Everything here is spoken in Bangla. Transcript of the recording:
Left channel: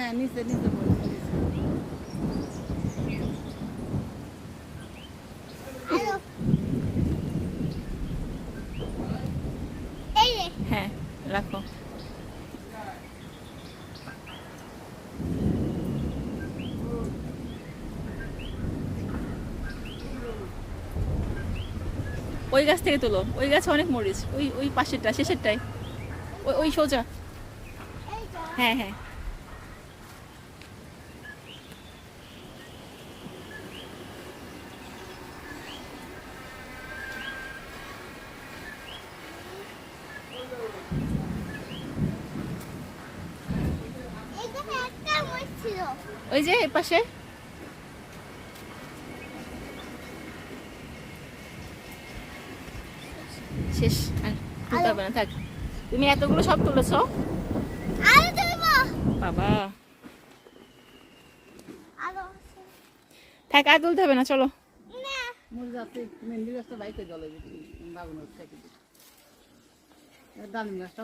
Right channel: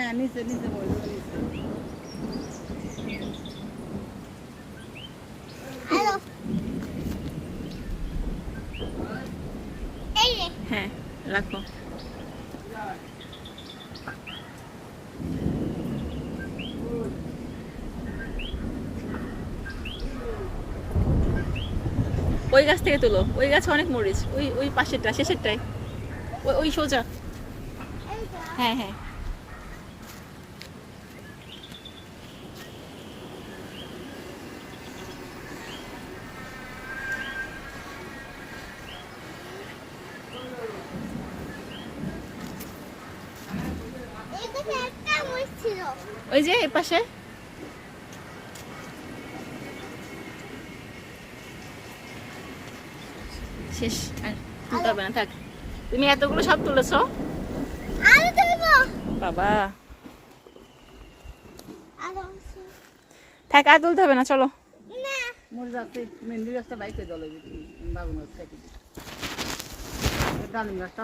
হ্যাঁ নিচে নিচে বলবো হ্যাঁ রাখো। ওই গাছ থেকে তুলো, ওই গাছে অনেক মরিচ, ওই ওই পাশেরটা শেষেরটাই, ওই ওই সোজা। হ্যাঁ হ্যাঁ ওই যে এই পাশে। শেষ, আর তুলতে হবে না, থাক। তুমি এতগুলো সব তুলেছো বাবা, থাক আর তুলতে হবে না, চলো। মরে যাচ্ছে মেহেন্দি গাছটা বাইকে জলে দিচ্ছি বাগুন গাছ থেকে ডালিম গাছটা